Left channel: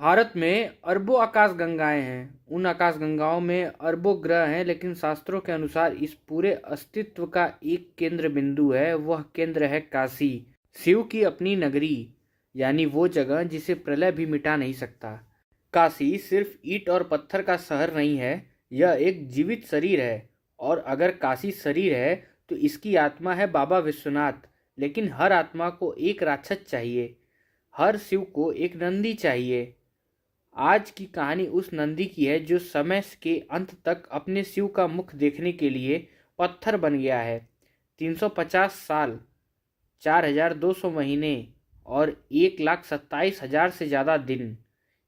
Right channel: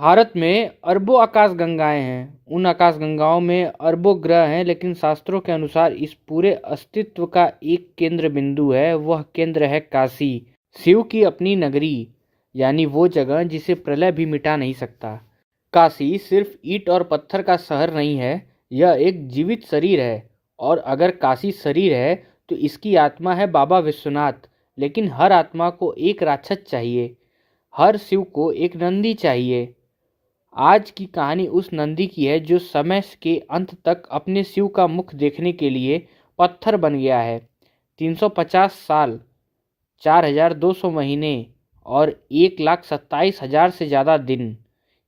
भारत में अरबों आकाशगंगाएं हैं। उन आकाशगंगाओं में अरबों ग्रह हैं, लेकिन शास्त्रों के अनुसार इस पूरे अस्तित्व का एक केंद्र बिंदु है। वह केंद्र है काशी, शिव की अपनी नगरी, यानी वो जगह जिसे प्रलय भी मिटा नहीं सकता। काशी सिर्फ ईंट और पत्थर का शहर नहीं है, यह एक जीवित शरीर है। और अगर काशी शरीर है तो इसकी आत्मा है बाबा विश्वनाथ। लेकिन हर आत्मा को एक राक्षस चाहिए, हर शिव को एक नंदी चाहिए। आज की कहानी उस नंदी की है जो समय के अंत तक अपने शिव का मुख देखने के लिए पत्थर बन गया है। 350 साल, 4200 महीने और 1,27,000 से ज़्यादा दिन।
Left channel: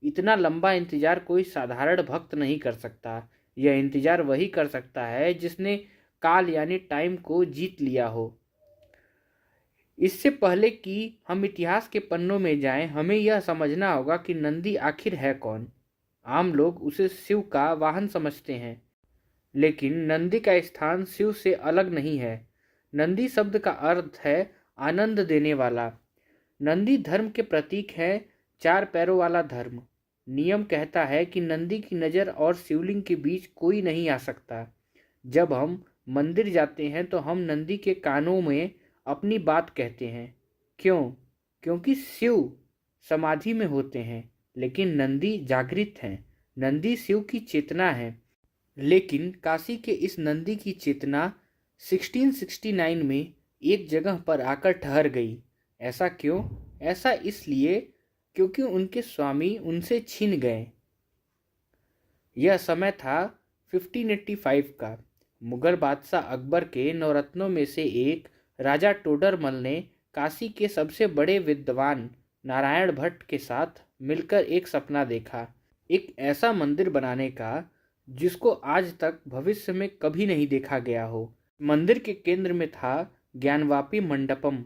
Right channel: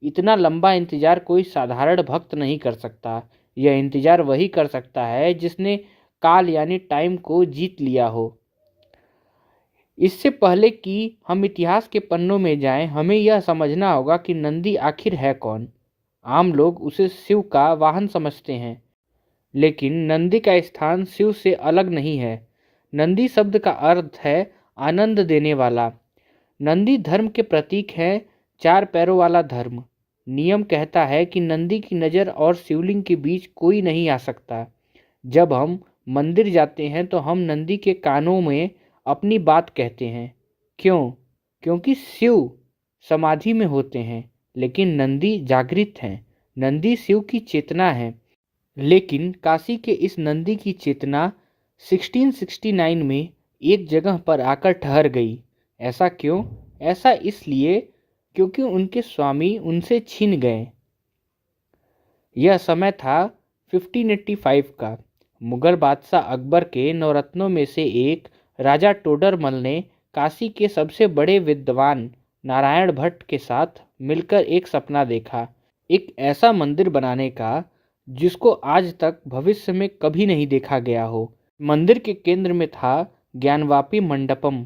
इतना लंबा इंतज़ार कोई साधारण भक्त नहीं कर सकता। यह इंतज़ार वही कर सकता है जिसने काल यानी टाइम को जीत लिया हो। इससे पहले कि हम इतिहास के पन्नों में जाएं, हमें यह समझना होगा कि नंदी आखिर है कौन। आम लोग उसे शिव का वाहन समझते हैं, लेकिन नंदी का स्थान शिव से अलग नहीं है। नंदी शब्द का अर्थ है आनंद देने वाला। नंदी धर्म के प्रतीक है, 4 पैरों वाला धर्म। नियम कहता है कि नंदी की नज़र और शिवलिंग के बीच कोई नहीं आ सकता। जब हम मंदिर जाते हैं तो हम नंदी के कानों में अपनी बात कहते हैं। क्यों? क्योंकि शिव समाधि में होते हैं, लेकिन नंदी जागृत हैं। नंदी शिव की चेतना है। लेकिन काशी के इस नंदी की चेतना 1669 में एक जगह पर आकर ठहर गई। ऐसा क्यों? ऐसा इसलिए क्योंकि उनके स्वामी उनसे छिन गए। यह समय था 1585 का। मुगल बादशाह अकबर के नवरत्नों में से एक राजा टोडरमल ने काशी के सबसे बड़े विद्वान नारायण भट्ट के साथ मिलकर एक सपना देखा, एक ऐसा मंदिर बनाने का जिसको आज तक भविष्य में कभी नहीं देखा गया हो। मंदिर के केंद्र में था ज्ञानवापी मंडपम,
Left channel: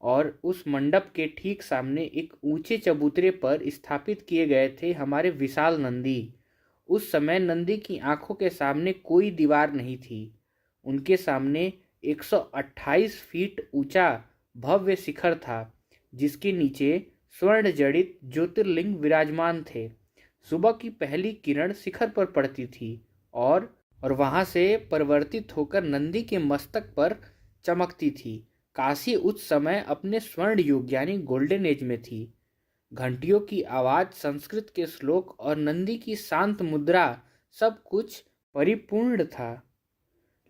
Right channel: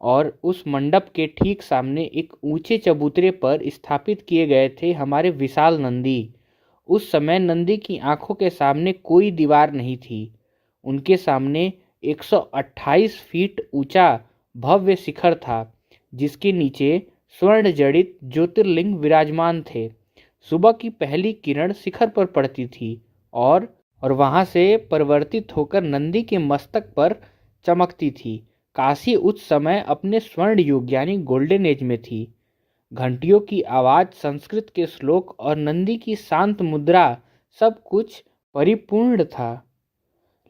और उस मंडप के ठीक सामने एक ऊंचे चबूतरे पर स्थापित किए गए थे हमारे विशाल नंदी। उस समय नंदी की आंखों के सामने कोई दीवार नहीं थी। उनके सामने 128 फीट ऊंचा भव्य शिखर था, जिसके नीचे स्वर्ण जड़ित ज्योतिर्लिंग विराजमान थे। सुबह की पहली किरण शिखर पर पड़ती थी और वहां से परिवर्तित होकर नंदी के मस्तक पर चमकती थी। काशी उस समय अपने स्वर्ण युग यानी गोल्डन एज में थी। घंटियों की आवाज़, संस्कृत के श्लोक और नंदी की शांत मुद्रा, सब कुछ परिपूर्ण था।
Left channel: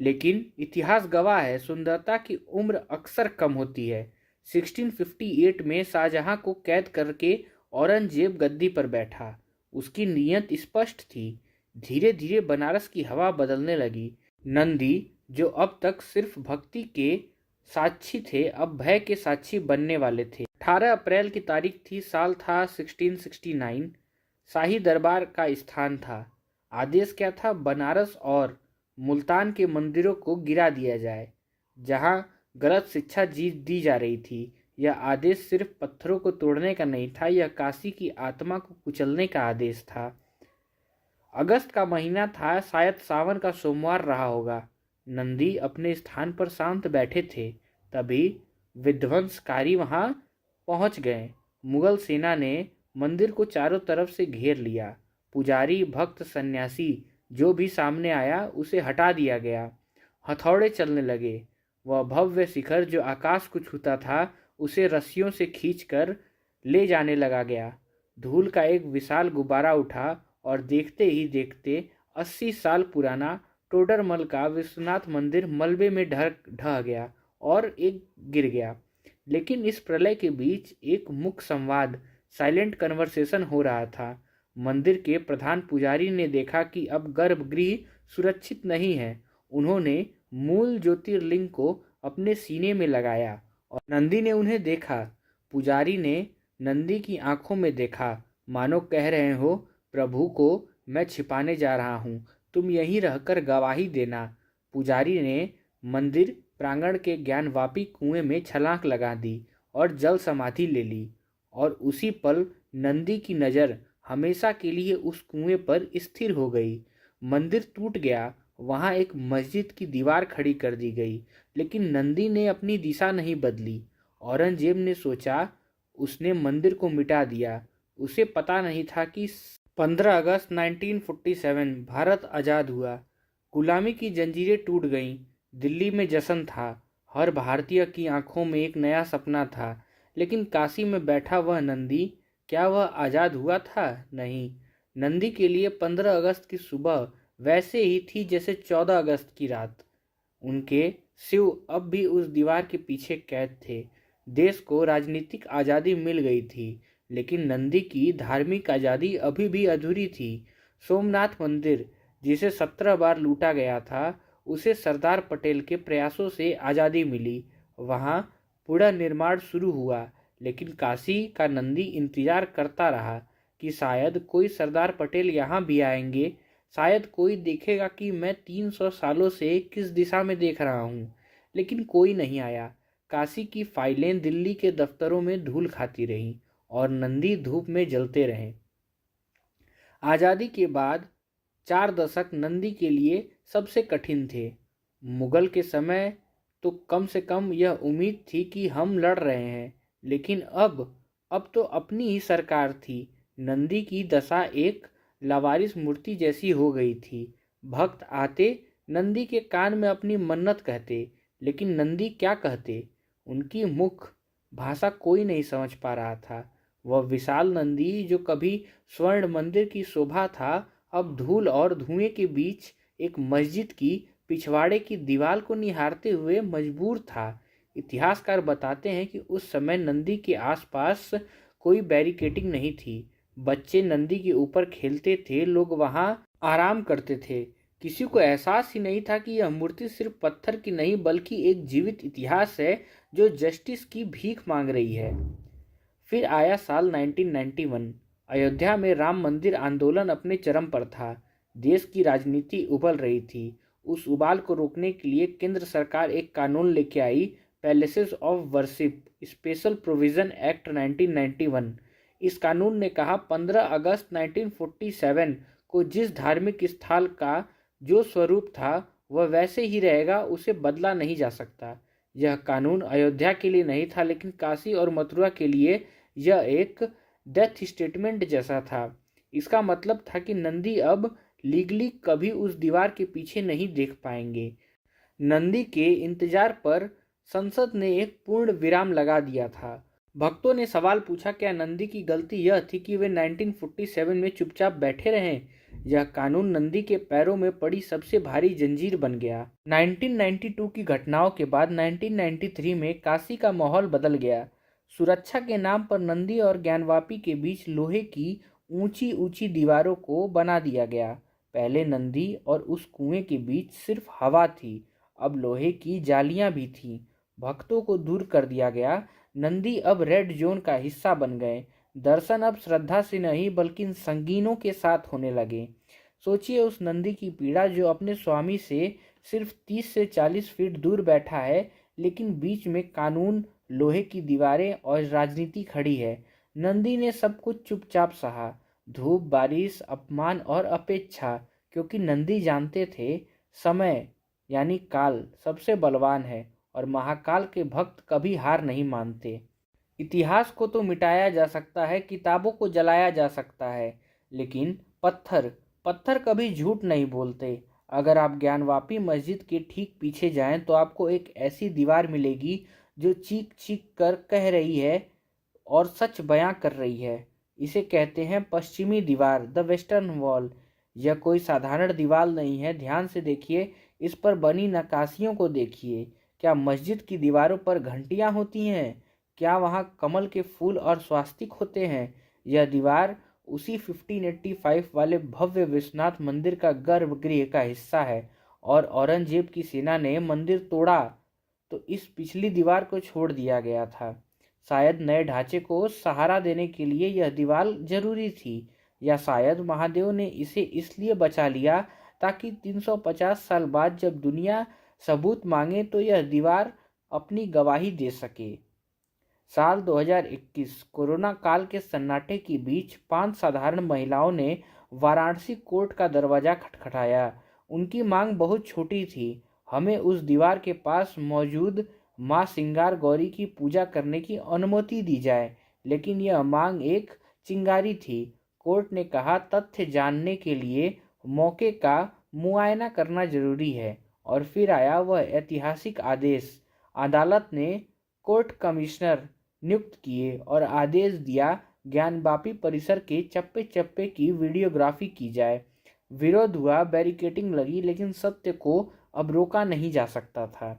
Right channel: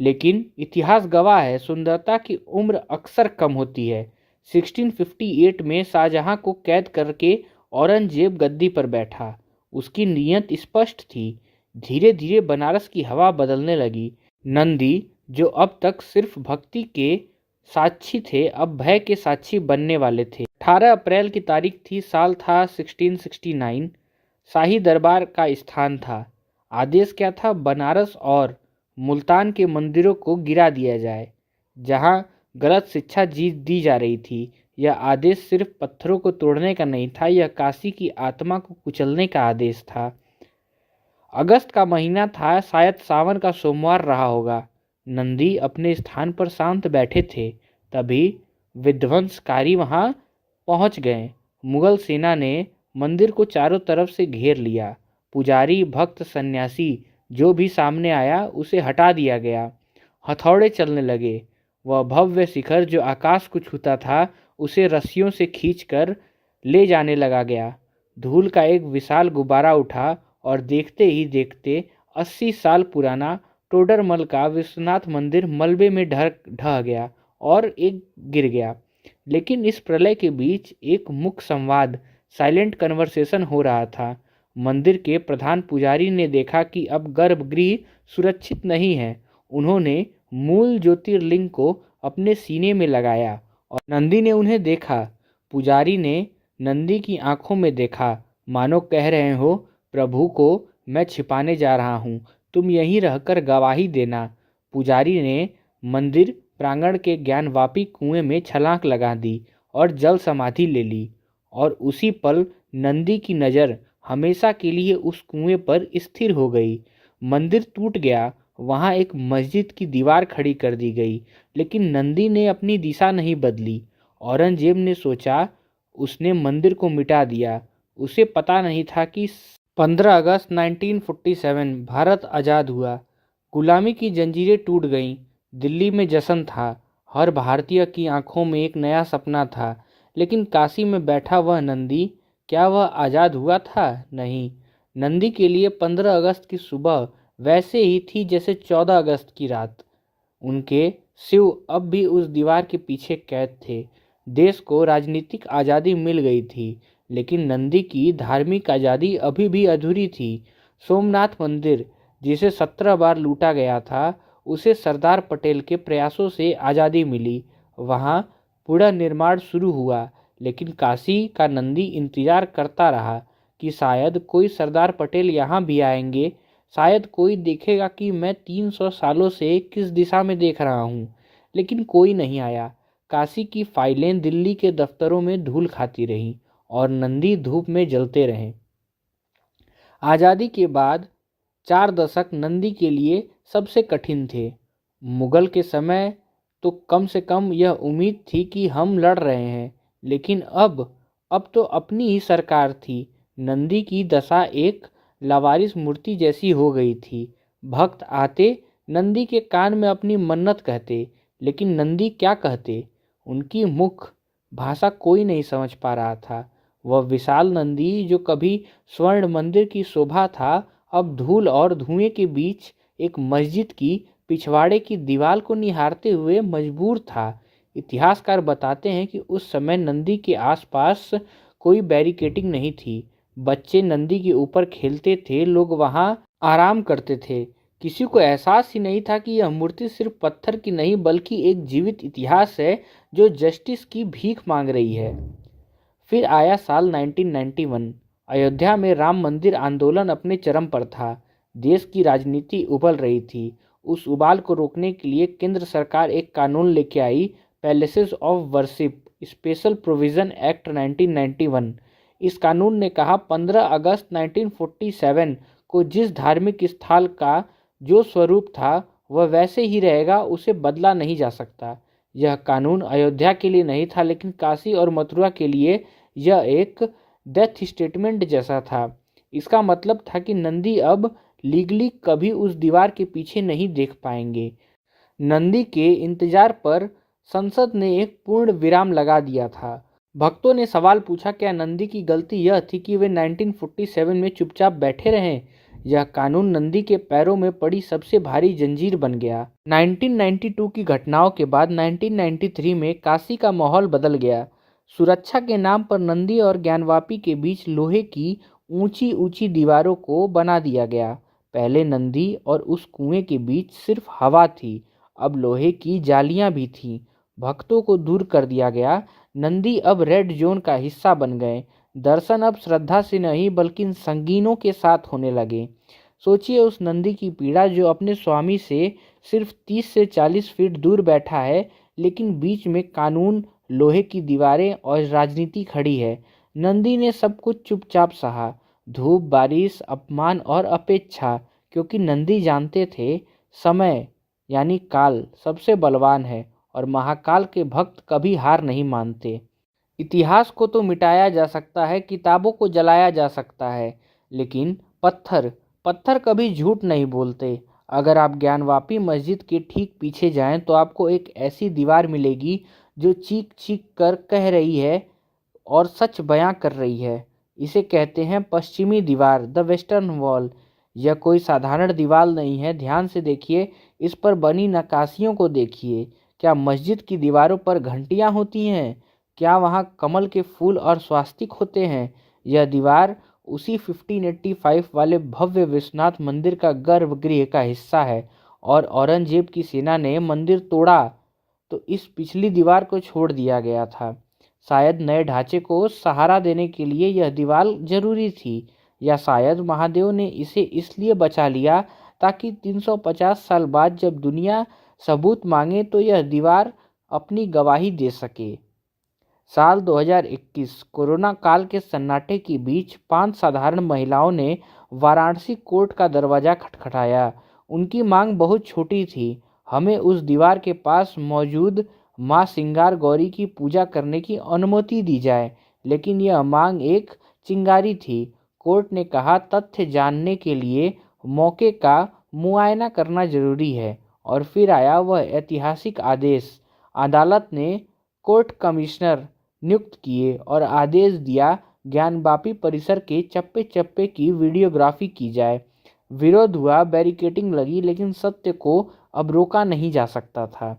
लेकिन इतिहास गवाह है, सुंदरता की उम्र अक्सर कम होती है। 1658 में शाहजहां को कैद करके औरंगजेब गद्दी पर बैठा। उसकी नीयत स्पष्ट थी। धीरे धीरे बनारस की हवा बदलने लगी। नंदी, जो अब तक सिर्फ भक्ति के साक्षी थे, अब भय के साक्षी बनने वाले थे। 18 अप्रैल की तारीख थी। साल था 1669। शाही दरबार का स्थान था। आदेश क्या था? बनारस और मुल्तान के मंदिरों को गिरा दिया जाए, जहां गलत शिक्षा दी जा रही थी। यह आदेश सिर्फ पत्थरों को तोड़ने का नहीं था, यह काशी की आत्मा को कुचलने का आदेश था। अगस्त का महीना था, शायद सावन का सोमवार रहा होगा। नंदी अपने स्थान पर शांत बैठे थे। तभी विध्वंसकारी वहां पहुंच गए। मुगल सेना ने मंदिर को चारों तरफ से घेर लिया। पुजारी, भक्त, सन्यासी जो भी सामने आया उसे हटा दिया गया। हथौड़े चलने लगे। वह भव्य शिखर जो आकाश को छूता था, उसे रस्सियों से खींचकर ले जाने लगा गया। धूल का एक विशाल गुब्बारा उठा और देखते ही देखते 80 साल पुराना टोडरमल का विश्वनाथ मंदिर मलबे में ढह गया और एक गिर गया। लेकिन इस प्रलय के बीच एक मुख्य संवाद, साइलेंट कन्वर्सेशन हो रहा था। मंदिर के प्रधान पुजारी ने देखा कि अब गर्भगृह सुरक्षित नहीं है। उन्होंने मूल ज्योतिर्लिंग को अपने सीने में लगाया और नंदी ने उन्हें देखा। पुजारी ने नंदी की आंखों में देखा, मानो कह रहे हो, प्रभु को मैं छिपाने जा रहा हूँ, तुम यहीं रहकर गवाही देना। पुजारी ने मंदिर प्रांगण के ज्ञानवापी कुएं में छलांग लगा दी और जल समाधि ले ली। और उसी पल नंदी की नज़र हमेशा के लिए उस कुएं पर स्थिर हो गई। मंदिर टूट गया। वहां एक मस्जिद की दीवार खड़ी कर दी गई, लेकिन नंदी ने अपनी दिशा नहीं बदली। औरंगजेब ने सोचा उसने मंदिर को मिटा दिया, उसे पता नहीं था कि 15 अगस्त 1947 भारत आज़ाद हुआ। गुलामी की जंजीरें टूट गईं। दिल्ली में जश्न था। हर भारतीय की आंखों में एक नया सपना था। लेकिन काशी में बैठा वह नंदी, क्या वह आज़ाद हुआ था? नहीं। नंदी के लिए 15 अगस्त की सुबह वैसे ही थी जैसे 14 अगस्त की रात। उनके शिव अब भी उस दीवार के पीछे कैद थे। देश को राजनीतिक आज़ादी मिल गई थी, लेकिन नंदी की धार्मिक आज़ादी अभी भी अधूरी थी। सोमनाथ मंदिर, जिसे 17 बार लूटा गया था, उसे सरदार पटेल के प्रयासों से आज़ादी मिली। वहाँ पुनर्निर्माण शुरू हुआ, लेकिन काशी का नंदी इंतजार करता रहा कि शायद कोई सरदार पटेल यहाँ भी आएंगे। शायद कोई देखेगा कि मैं 300 सालों से किस दिशा में देख रहा हूँ। लेकिन कोई नहीं आया। काशी की फाइलें दिल्ली के दफ्तरों में धूल खाती रहीं और नंदी धूप में जलते रहे। आज़ादी के बाद 4 दशक नंदी के लिए सबसे कठिन थे। मुगल के समय तो कम से कम यह उम्मीद थी कि हम लड़ रहे हैं, लेकिन अब तो अपनी ही सरकार थी। नंदी की दशा एक लावारिस मूर्ति जैसी हो गई थी। भक्त आते, नंदी के कान में अपनी मन्नत कहते, लेकिन नंदी क्या कहते? उनकी मुख भाषा कोई नहीं समझ पा रहा था। वह विशाल नंदी जो कभी स्वर्ण मंदिर की शोभा था, अब धूल और धुएं के बीच एक मस्जिद की पिछवाड़े की दीवार को निहारते हुए मजबूर था। इतिहासकार बताते हैं कि उस समय नंदी के आसपास कोई बैरिकेडिंग नहीं थी। बच्चे नंदी के ऊपर खेलते थे, लोग वहां आराम करते थे। किसी को एहसास ही नहीं था कि यह मूर्ति सिर्फ पत्थर की नहीं बल्कि एक जीवित इतिहास है जो जस्टिस की भीख मांग रही है। फिर आया साल 1991। अयोध्या में राम मंदिर आंदोलन अपने चरम पर था। देश की राजनीति उबल रही थी। उस उबाल को रोकने के लिए केंद्र सरकार एक कानून लेके आई, palaces of worship special provision act 1991। इस कानून ने कहा 15 अगस्त 1947 को जिस धार्मिक स्थल का जो स्वरूप था वह वैसे ही रहेगा, उसे बदला नहीं जा सकता। यह कानून अयोध्या के लिए नहीं था, लेकिन काशी और मथुरा के लिए यह एक डेथ स्टेटमेंट जैसा था। इसका मतलब था कि नंदी अब लीगली कभी उस दीवार के पीछे नहीं देख पाएंगे। नंदी के इंतजार पर संसद ने एक पूर्ण विराम लगा दिया था। भक्तों ने सवाल पूछा, क्या नंदी की गलती यह थी कि वे 1947 में चुपचाप बैठे रहे? यह कानून नंदी के पैरों में पड़ी सबसे भारी जंजीर बन गया। 1992 की घटनाओं के बाद 1993 में काशी का माहौल बदल गया। सुरक्षा के नाम पर नंदी और ज्ञानवापी के बीच लोहे की ऊंची ऊंची दीवारों को बना दिया गया। पहले नंदी और उस कुएं के बीच सिर्फ हवा थी, अब लोहे की जालियां भी थीं। भक्तों को दूर कर दिया गया। नंदी अब रेड जोन का हिस्सा बन गए। दर्शन अब श्रद्धा से नहीं बल्कि संगीनों के साथ होने लगे। सोचिए उस नंदी की पीड़ा जो अपने स्वामी से सिर्फ 30 से 40 फीट दूर बैठा है, लेकिन बीच में कानून, लोहे की दीवारें और राजनीति खड़ी है। नंदी ने सब कुछ चुपचाप सहा, धूप, बारिश, अपमान और अपेक्षा, क्योंकि नंदी जानते थे समय यानी काल सबसे बलवान है और महाकाल के भक्त कभी हार नहीं मानते। इतिहास को तो मिटाया जा सकता है, किताबों को जलाया जा सकता है, लेकिन पत्थर पत्थर कभी झूठ नहीं बोलते। अगर आप ज्ञानवापी मस्जिद के ठीक पीछे जाएं तो आपको एक ऐसी दीवार मिलेगी जो चीख चीख कर कह रही है और सच बयां कर रही है। इसे कहते हैं पश्चिमी दीवार, द वेस्टर्न वॉल। यह कोई साधारण दीवार नहीं है। ध्यान से देखिए, इस पर बनी नक्काशियों को देखिए। क्या मस्जिद की दीवारों पर घंटियां होती हैं? क्या वहाँ कमल के फूल और स्वास्तिक होते हैं? यह दीवार उसी 1585 वाले भव्य विश्वनाथ मंदिर का गर्भगृह का हिस्सा है, और औरंगजेब की सेना ने मंदिर तोड़ा तो इस पिछली दीवार को छोड़ दिया गया था। शायद नए ढांचे को सहारा देने के लिए यह दीवार जरूरी थी, या शायद महादेव ने इसे इसलिए बचा लिया ताकि 350 साल बाद जब दुनिया सबूत मांगे तो यह दीवार अपनी गवाही दे सके। साल 2021 कोरोना काल के सन्नाटे के बीच 5 साधारण महिलाओं ने वाराणसी कोर्ट का दरवाजा खटखटाया। उनकी मांग बहुत छोटी थी, हमें उस दीवार के पास मौजूद मां सिंगार गौरी की पूजा करने की अनुमति दी जाए। लेकिन यह मांग एक चिंगारी थी। कोर्ट ने कहा तथ्य जानने के लिए मौके का मुआयना करना जरूरी है। और फिर आया वह ऐतिहासिक आदेश। अदालत ने कोर्ट कमिश्नर नियुक्त किए और आदेश दिया ज्ञानवापी परिसर के चप्पे चप्पे की वीडियोग्राफी की जाए। विरोध हुआ, बैरिकेडिंग लगी, लेकिन सत्य को अब रोका नहीं जा सकता था।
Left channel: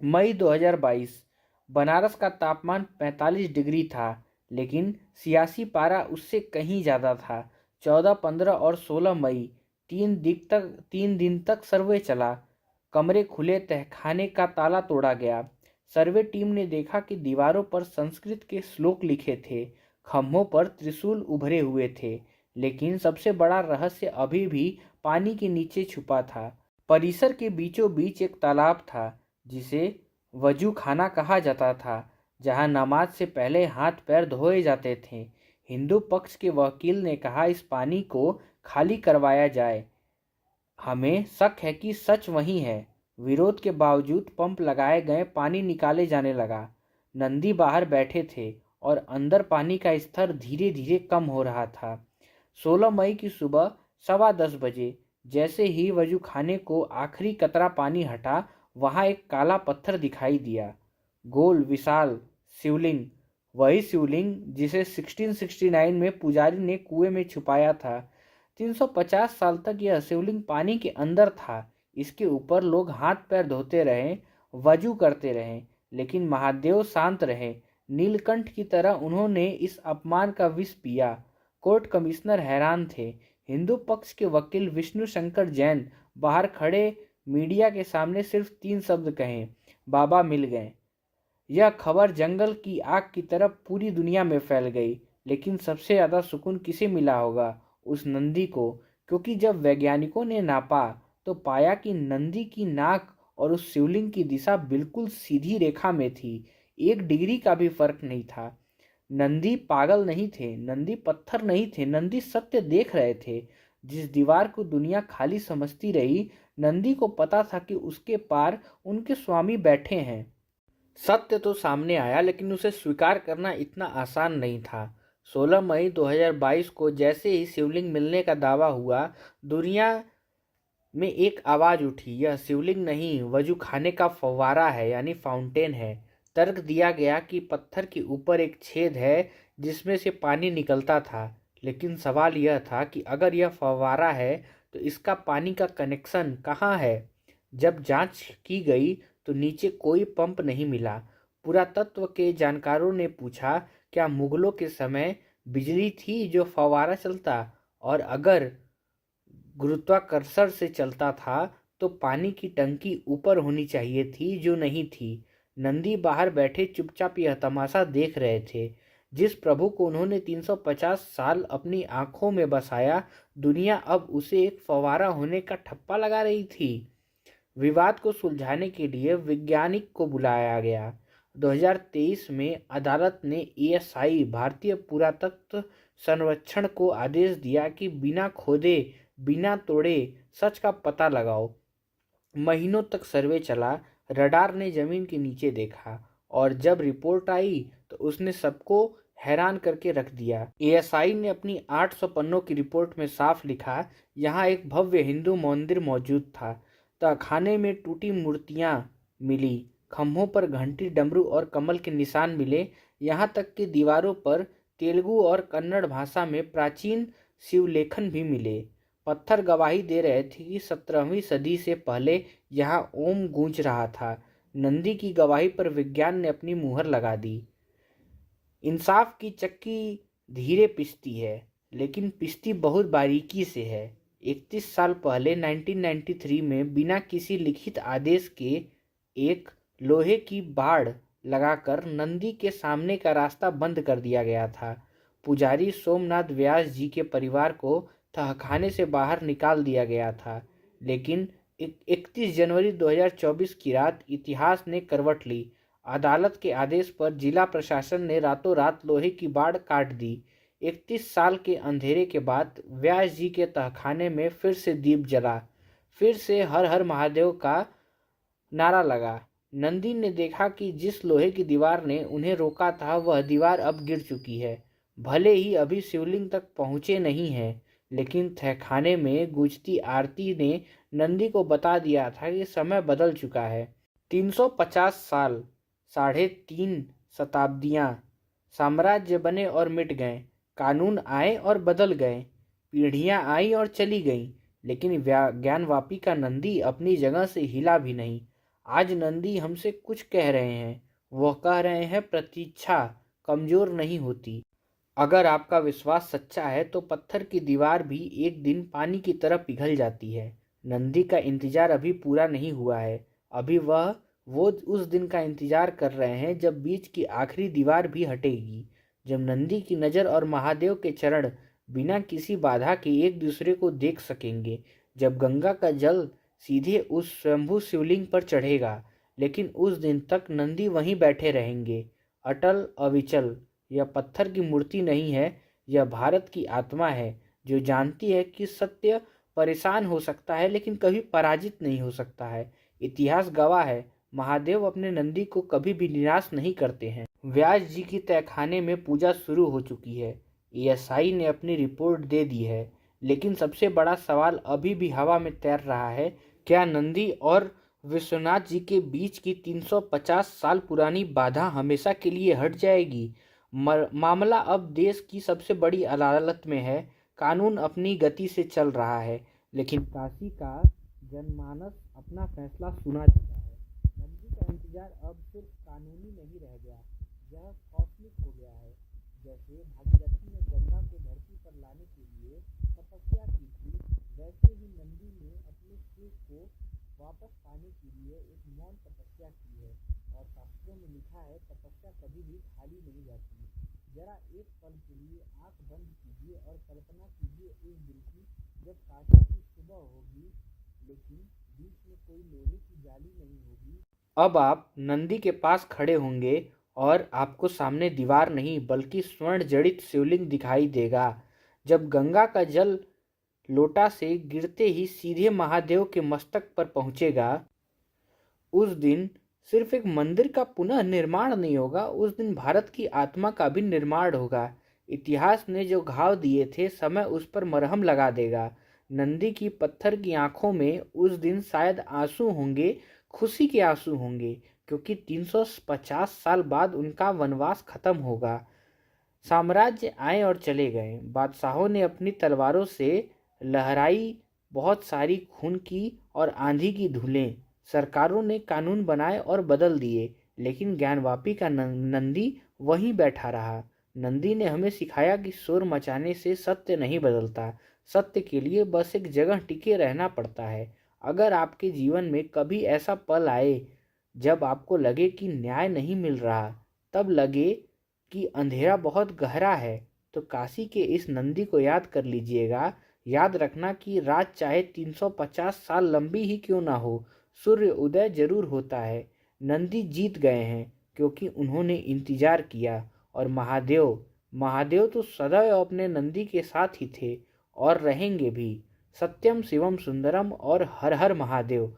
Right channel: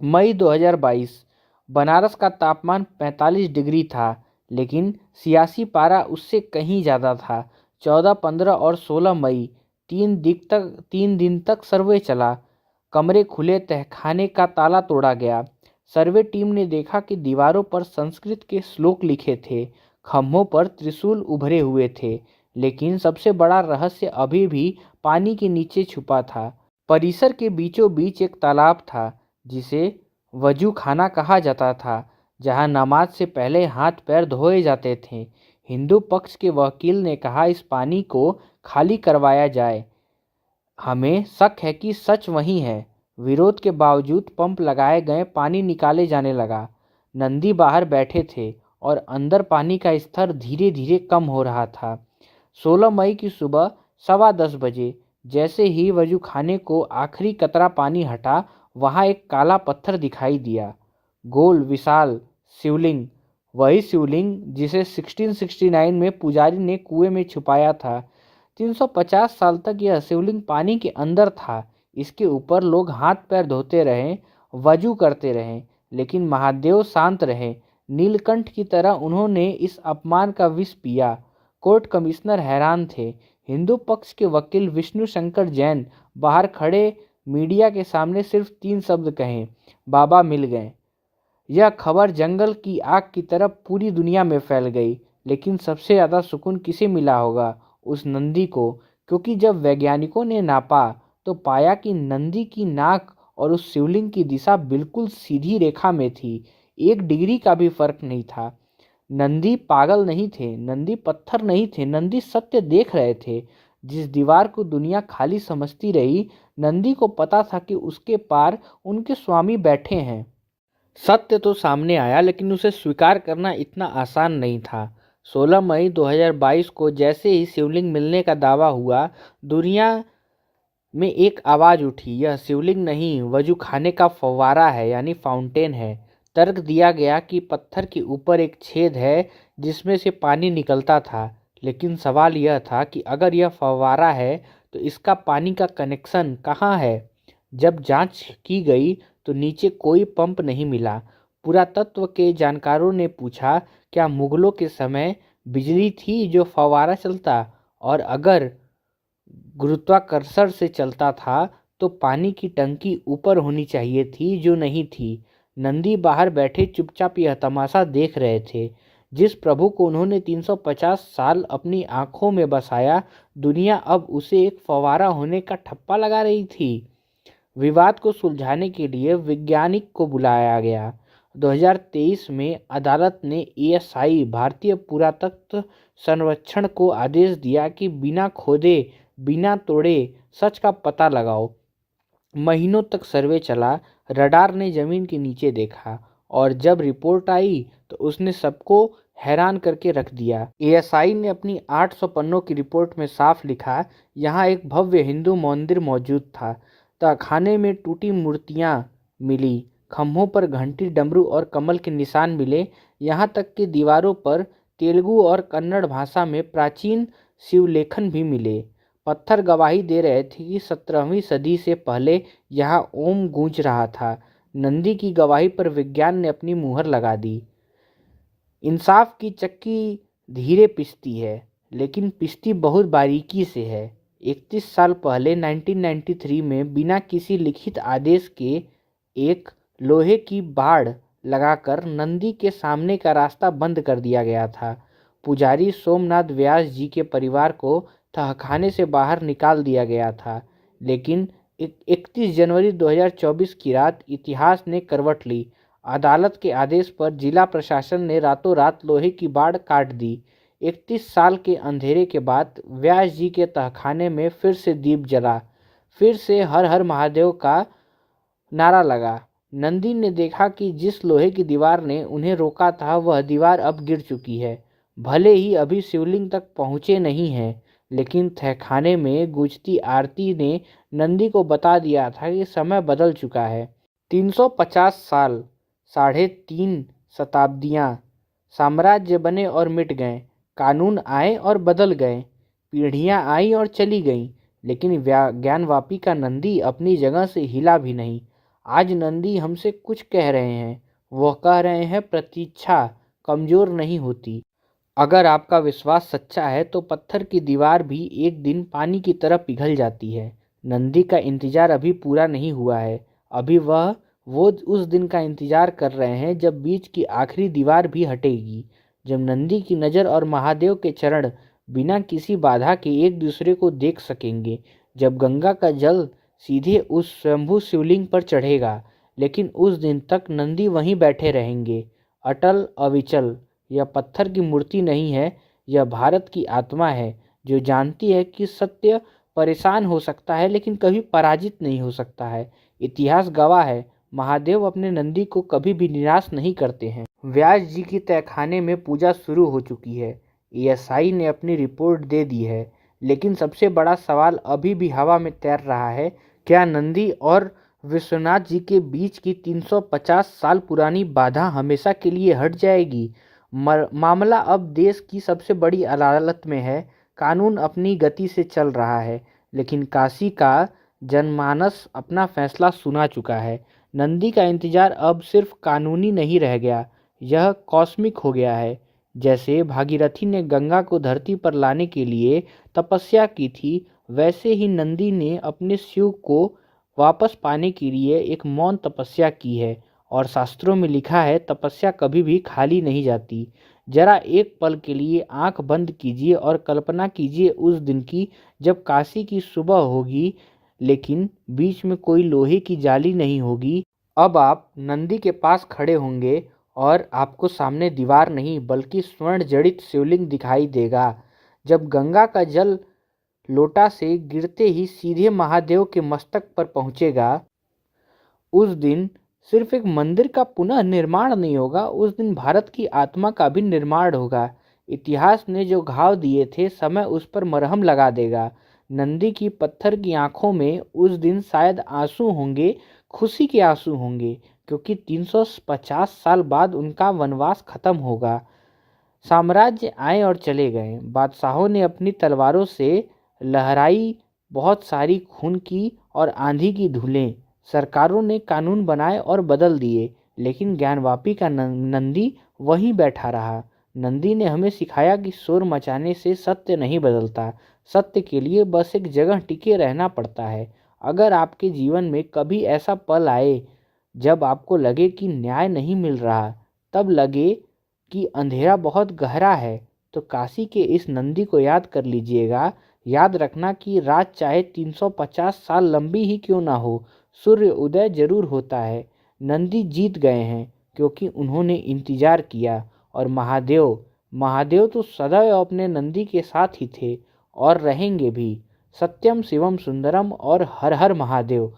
मई 2022 बनारस का तापमान 45 डिग्री था, लेकिन सियासी पारा उससे कहीं ज़्यादा था। 14, 15 और 16 मई 3 दिन तक सर्वे चला। कमरे खुले, तहखाने का ताला तोड़ा गया। सर्वे टीम ने देखा कि दीवारों पर संस्कृत के श्लोक लिखे थे, खम्भों पर त्रिशूल उभरे हुए थे, लेकिन सबसे बड़ा रहस्य अभी भी पानी के नीचे छुपा था। परिसर के बीचों बीच एक तालाब था जिसे वजू खाना कहा जाता था, जहां नमाज से पहले हाथ पैर धोए जाते थे। हिंदू पक्ष के वकील ने कहा इस पानी को खाली करवाया जाए, हमें शक है कि सच वही है। विरोध के बावजूद पंप लगाए गए, पानी निकाले जाने लगा। नंदी बाहर बैठे थे और अंदर पानी का स्तर धीरे धीरे कम हो रहा था। 16 मई की सुबह 10:15 बजे जैसे ही वजू खाने को आखिरी कतरा पानी हटा, वहां एक काला पत्थर दिखाई दिया। गोल विशाल शिवलिंग, वही शिवलिंग जिसे 1669 में पुजारी ने कुएं में छुपाया था। 350 साल तक यह शिवलिंग पानी के अंदर था। इसके ऊपर लोग हाथ पैर धोते रहे, वजू करते रहे, लेकिन महादेव शांत रहे। नीलकंठ की तरह उन्होंने इस अपमान का विष पिया। कोर्ट कमिश्नर हैरान थे। हिंदू पक्ष के वकील विष्णु शंकर जैन बाहर खड़े मीडिया के सामने सिर्फ 3 शब्द कहे, बाबा मिल गए। यह खबर जंगल की आग की तरह पूरी दुनिया में फैल गई। लेकिन सबसे ज़्यादा सुकून किसे मिला होगा? उस नंदी को, क्योंकि जब वैज्ञानिकों ने नापा तो पाया कि नंदी की नाक और उस शिवलिंग की दिशा बिल्कुल सीधी रेखा में थी। 1 डिग्री का भी फर्क नहीं था। नंदी पागल नहीं थे, नंदी पत्थर नहीं थे, नंदी सत्य देख रहे थे। जिस दीवार को दुनिया खाली समझती रही, नंदी को पता था कि उसके पार उनके स्वामी बैठे हैं। सत्य तो सामने आया, लेकिन उसे स्वीकार करना इतना आसान नहीं था। 16 मई 2022 को जैसे ही शिवलिंग मिलने का दावा हुआ, दुनिया में एक आवाज़ उठी, यह शिवलिंग नहीं, वजू खाने का फव्वारा है, यानी फाउंटेन है। तर्क दिया गया कि पत्थर के ऊपर एक छेद है जिसमें से पानी निकलता था। लेकिन सवाल यह था कि अगर यह फव्वारा है तो इसका पानी का कनेक्शन कहाँ है? जब जांच की गई तो नीचे कोई पंप नहीं मिला। पुरातत्व के जानकारों ने पूछा, क्या मुगलों के समय बिजली थी जो फव्वारा चलता? और अगर गुरुत्वाकर्षण से चलता था तो पानी की टंकी ऊपर होनी चाहिए थी, जो नहीं थी। नंदी बाहर बैठे चुपचाप यह तमाशा देख रहे थे। जिस प्रभु को उन्होंने 350 साल अपनी आंखों में बसाया, दुनिया अब उसे एक फव्वारा होने का ठप्पा लगा रही थी। विवाद को सुलझाने के लिए वैज्ञानिक को बुलाया गया। 2023 में अदालत ने ASI भारतीय पुरातत्व सर्वेक्षण को आदेश दिया कि बिना खोदे, बिना तोड़े सच का पता लगाओ। महीनों तक सर्वे चला। रडार ने जमीन के नीचे देखा और जब रिपोर्ट आई तो उसने सबको हैरान करके रख दिया। ASI ने अपनी 800 पन्नों की रिपोर्ट में साफ लिखा, यहाँ एक भव्य हिंदू मंदिर मौजूद था। तहखाने में टूटी मूर्तियाँ मिली, खम्भों पर घंटी, डमरू और कमल के निशान मिले। यहाँ तक कि दीवारों पर तेलुगु और कन्नड़ भाषा में प्राचीन शिवलेखन भी मिले। पत्थर गवाही दे रहे थे कि 17वीं सदी से पहले यहाँ ओम गूंज रहा था। नंदी की गवाही पर विज्ञान ने अपनी मुहर लगा दी। इंसाफ की चक्की धीरे पिसती है, लेकिन पिसती बहुत बारीकी से है। 31 साल पहले 1993 में बिना किसी लिखित आदेश के एक लोहे की बाड़ लगाकर नंदी के सामने का रास्ता बंद कर दिया गया था। पुजारी सोमनाथ व्यास जी के परिवार को तहखाने से बाहर निकाल दिया गया था। लेकिन 31 जनवरी 2024 की रात इतिहास ने करवट ली। अदालत के आदेश पर जिला प्रशासन ने रातों रात लोहे की बाड़ काट दी। 31 साल के अंधेरे के बाद व्यास जी के तहखाने में फिर से दीप जला, फिर से हर हर महादेव का नारा लगा। नंदी ने देखा कि जिस लोहे की दीवार ने उन्हें रोका था, वह दीवार अब गिर चुकी है। भले ही अभी शिवलिंग तक पहुँचे नहीं हैं, लेकिन तहखाने में गूंजती आरती ने नंदी को बता दिया था कि समय बदल चुका है। 350 साल, 3.5 शताब्दियाँ, साम्राज्य बने और मिट गए, कानून आए और बदल गए, पीढ़ियाँ आई और चली गईं, लेकिन ज्ञानवापी का नंदी अपनी जगह से हिला भी नहीं। आज नंदी हमसे कुछ कह रहे हैं। वह कह रहे हैं, प्रतीक्षा कमजोर नहीं होती। अगर आपका विश्वास सच्चा है तो पत्थर की दीवार भी एक दिन पानी की तरह पिघल जाती है। नंदी का इंतजार अभी पूरा नहीं हुआ है। अभी वो उस दिन का इंतजार कर रहे हैं जब बीच की आखिरी दीवार भी हटेगी, जब नंदी की नज़र और महादेव के चरण बिना किसी बाधा के एक दूसरे को देख सकेंगे, जब गंगा का जल सीधे उस स्वयंभू शिवलिंग पर चढ़ेगा। लेकिन उस दिन तक नंदी वहीं बैठे रहेंगे, अटल अविचल। यह पत्थर की मूर्ति नहीं है, यह भारत की आत्मा है, जो जानती है कि सत्य परेशान हो सकता है लेकिन कभी पराजित नहीं हो सकता है। इतिहास गवाह है, महादेव अपने नंदी को कभी भी निराश नहीं करते हैं। व्यास जी की तहखाने में पूजा शुरू हो चुकी है। एएसआई ने अपनी रिपोर्ट दे दी है, लेकिन सबसे बड़ा सवाल अभी भी हवा में तैर रहा है। क्या नंदी और विश्वनाथ जी के बीच की 350 साल पुरानी बाधा हमेशा के लिए हट जाएगी? मामला अब देश की सबसे बड़ी अदालत में है। कानून अपनी गति से चल रहा है, लेकिन काशी का जनमानस अपना फैसला सुना चुका है। नंदी का इंतजार अब सिर्फ कानूनी नहीं रह गया, यह कॉस्मिक हो गया है। जैसे भागीरथी ने गंगा को धरती पर लाने के लिए तपस्या की थी, वैसे ही नंदी ने अपने शिव को वापस पाने के लिए एक मौन तपस्या की है। और शास्त्रों में लिखा है, तपस्या कभी भी खाली नहीं जाती। जरा एक पल के लिए आंख बंद कीजिए और कल्पना कीजिए उस दिन की, जब काशी की सुबह होगी लेकिन बीच में कोई लोहे की जाली नहीं होगी। अब आप नंदी के पास खड़े होंगे और आपको सामने दीवार नहीं बल्कि स्वर्ण जड़ित शिवलिंग दिखाई देगा। जब गंगा का जल लोटा से गिरते ही सीधे महादेव के मस्तक पर पहुंचेगा, उस दिन सिर्फ एक मंदिर का पुनः निर्माण नहीं होगा, उस दिन भारत की आत्मा का भी निर्माण होगा। इतिहास ने जो घाव दिए थे, समय उस पर मरहम लगा देगा। नंदी की पत्थर की आंखों में उस दिन शायद आंसू होंगे, खुशी के आंसू होंगे, क्योंकि 350 साल बाद उनका वनवास खत्म होगा। साम्राज्य आए और चले गए, बादशाहों ने अपनी तलवारों से लहराई बहुत सारी खून की और आंधी की धूलें, सरकारों ने कानून बनाए और बदल दिए, लेकिन ज्ञानवापी का नंदी वहीं बैठा रहा। नंदी ने हमें सिखाया कि शोर मचाने से सत्य नहीं बदलता, सत्य के लिए बस एक जगह टिके रहना पड़ता है। अगर आपके जीवन में कभी ऐसा पल आए जब आपको लगे कि न्याय नहीं मिल रहा, तब लगे कि अंधेरा बहुत गहरा है, तो काशी के इस नंदी को याद कर लीजिएगा। याद रखना कि रात चाहे 350 साल लंबी ही क्यों ना हो, सूर्य उदय जरूर होता है। नंदी जीत गए हैं क्योंकि उन्होंने इंतजार किया। और महादेव महादेव तो सदैव अपने नंदी के साथ ही थे और रहेंगे भी। सत्यम शिवम सुंदरम और हर हर महादेव।